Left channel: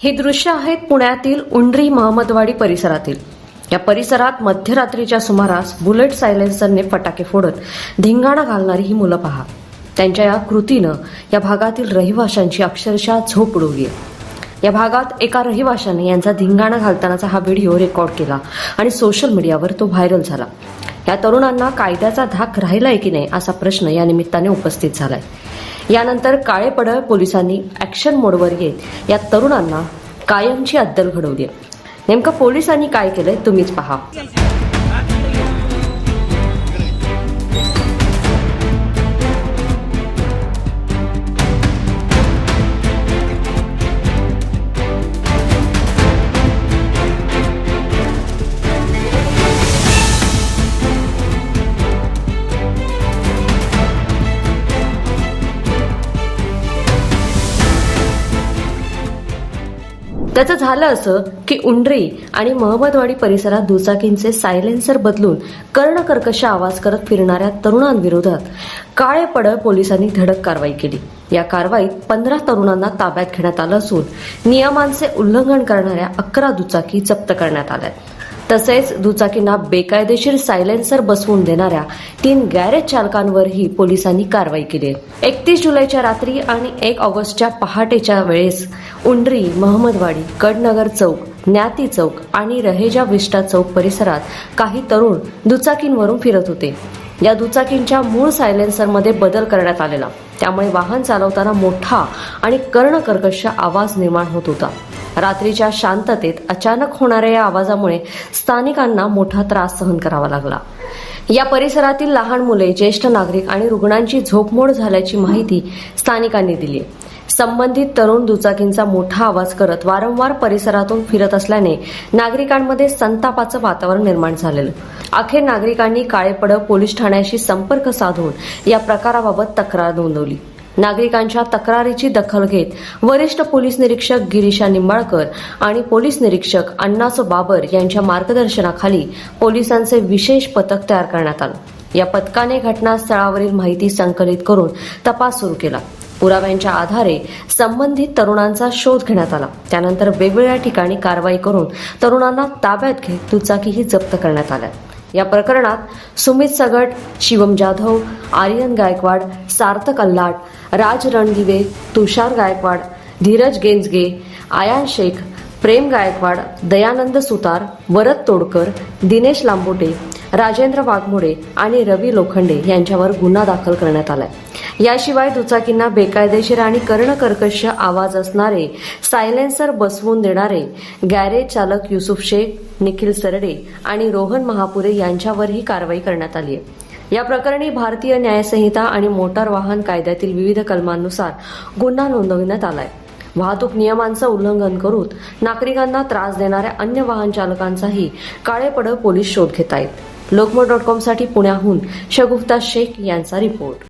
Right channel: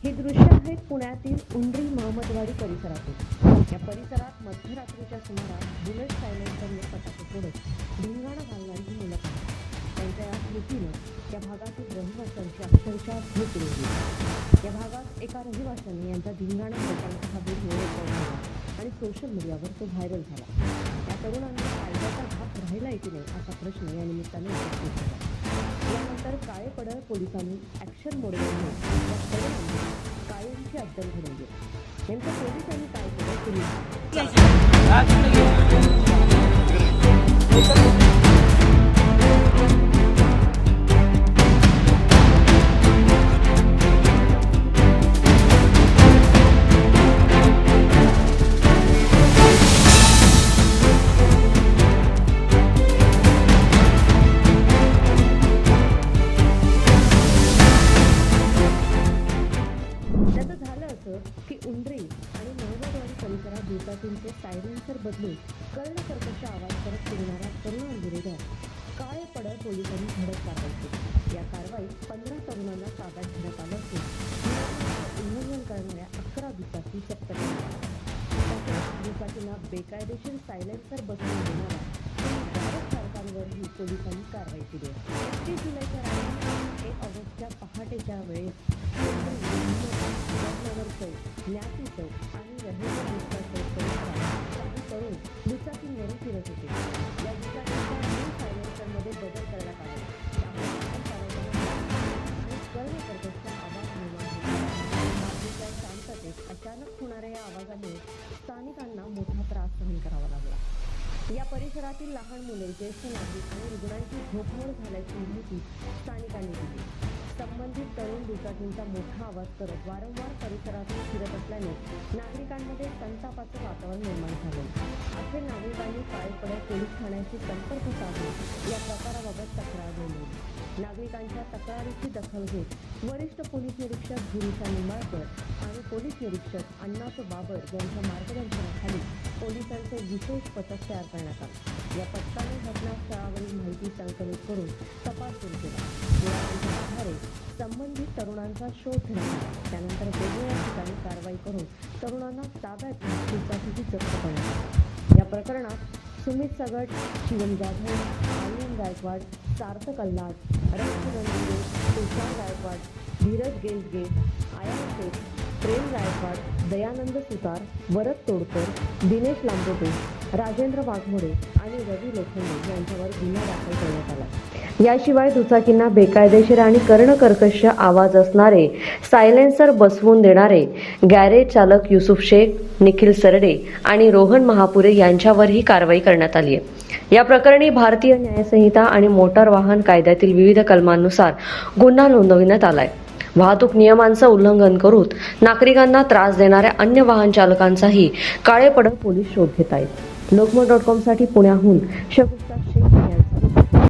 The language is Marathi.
हे दृश्य आहेत पुण्यातील उंडरी महमदवाडी परिसरातील। या परिसरात मध्यरात्रीच्या सुमारास बुलेट सायलेन्सरने फटाके फोडत धिंगाणा घालणारी ही मुलं पहा। त्यांच्या या कृतीनं या भागातील रहिवाशांची अक्षरशः झोप उडवली आहे। या भागात एका रहिवाशाने यांचा धिंगाणा घालतानाचा हा व्हिडिओ रेकॉर्ड केला आणि सोशल मीडियावर तो व्हायरल झाला। या तरुणांना कायद्याचा धाक राहिलाय की नाही असा प्रश्न या निमित्ताने उपस्थित झालाय। यानंतर काळेपडळ पोलिसांनी ऍक्शन मोडवर येत या तरुणांना कायमची अद्दल घडवली आहे। नेमकं पोलिसांनी काय केलंय तुम्हीच पहा। त्याचं झालं असं की उंडरी आणि महमदवाडी परिसरात दुचाकींचे सायलेन्सर बदलून कर्णकर्कश आवाज करत फिरणाऱ्या तरुणांविरोधात काळेपडळ पोलिसांनी धडक कारवाई केली। या कारवाईत 15 तरुणांना ताब्यात घेण्यात आलं असून नियमांचे उल्लंघन करणाऱ्या 11 दुचाकी जप्त करण्यात आल्या। तसेच दुचाकींना बेकायदेशीर सायलेन्सर बसवून देणाऱ्या 3 गॅरेज चालकांवरही पोलिसांनी कारवाई केली आहे। 31 जुलैच्या रात्री आणि 1 ऑगस्टच्या पहाटेच्या वेळेस उंडरी, महमदवाडी, कडनगर चौक, ज्ञाती चौक आणि रहेजा विस्टा चौक परिसरात काही तरुण दुचाकींवरून फिरत होते। या दुचाकींच्या मूळ सायलेन्सरमध्ये बदल करण्यात आलेला, त्यामुळे वाहन चालवताना मोठा आणि कर्णकर्कश आवाज निर्माण होत होता। रात्रीच्या शांततेत अचानक होणाऱ्या या आवाजामुळे स्थानिकांना मोठा त्रास सहन करावा लागला। या परिसरातील लहान मुले, ज्येष्ठ नागरिक आणि रुग्णांची झोपमोड झाल्याची माहिती स्थानिकांनी दिली। संबंधित तरुण दुचाकींचा मोठा आवाज करत वारंवार परिसरातून फिरत असल्याने नागरिकांमध्ये संतापाचं वातावरण निर्माण झालेलं। अखेर नागरिकांनी काळेपडळ पोलीस ठाण्याशी संपर्क साधून या प्रकाराबाबत तक्रार नोंदवली। नागरिकांच्या तक्रारीची दखल घेत वरिष्ठ पोलीस निरीक्षक गिरीशा निंबाळकर आणि पोलीस निरीक्षक अण्णासो बाबर यांच्या मार्गदर्शनाखाली पोलिसांचे विशेष पथक तयार करण्यात आलं। या पथकाने घटनास्थळावरील माहिती संकलित करून तपास सुरू केला। पुराव्यांच्या आधारे संबंधित तरुणांचा शोध घेण्यात आला। त्यानंतर वेगवेगळ्या ठिकाणी कारवाई करून तरुणांना ताब्यात घेत दुचाकीही जप्त करण्यात आल्या। या प्रकरणात सुमित सगट, शिवम जाधव, आर्यन गायकवाड, सार्थक अल्लाट, राज रणदिवे, तुषार गायकवाड, धीरज गेंजगे, आयान शेख, प्रेम गायकवाड, दयानंद सुतार, वरद तोडकर, दिनेश लांबोटे, राजेंद्र वाघमोडे आणि रवी लोखंडे यांच्यावर गुन्हा दाखल करण्यात आलाय। याशिवाय दुचाकींना बेकायदेशीर आणि कर्णकर्कश आवाज असणारे सायलेन्सर बसवून देणारे गॅरेज चालक युसुफ शेख, निखिल सरडे आणि रोहन महापुरे यांच्यावरही कारवाई करण्यात आली आहे। या प्रकरणी भारतीय न्यायसंहिता आणि मोटार वाहन कायद्यातील विविध कलमांनुसार गुन्हा नोंदविण्यात आलाय। वाहतूक नियमांचं उल्लंघन करून नागरिकांना त्रास देणाऱ्या अन्य वाहन चालकांचाही काळेपडळ पोलीस शोध घेत आहेत। लोकमत.com साठी पुण्याहून शगुफ्ता शेख यांचा रिपोर्ट।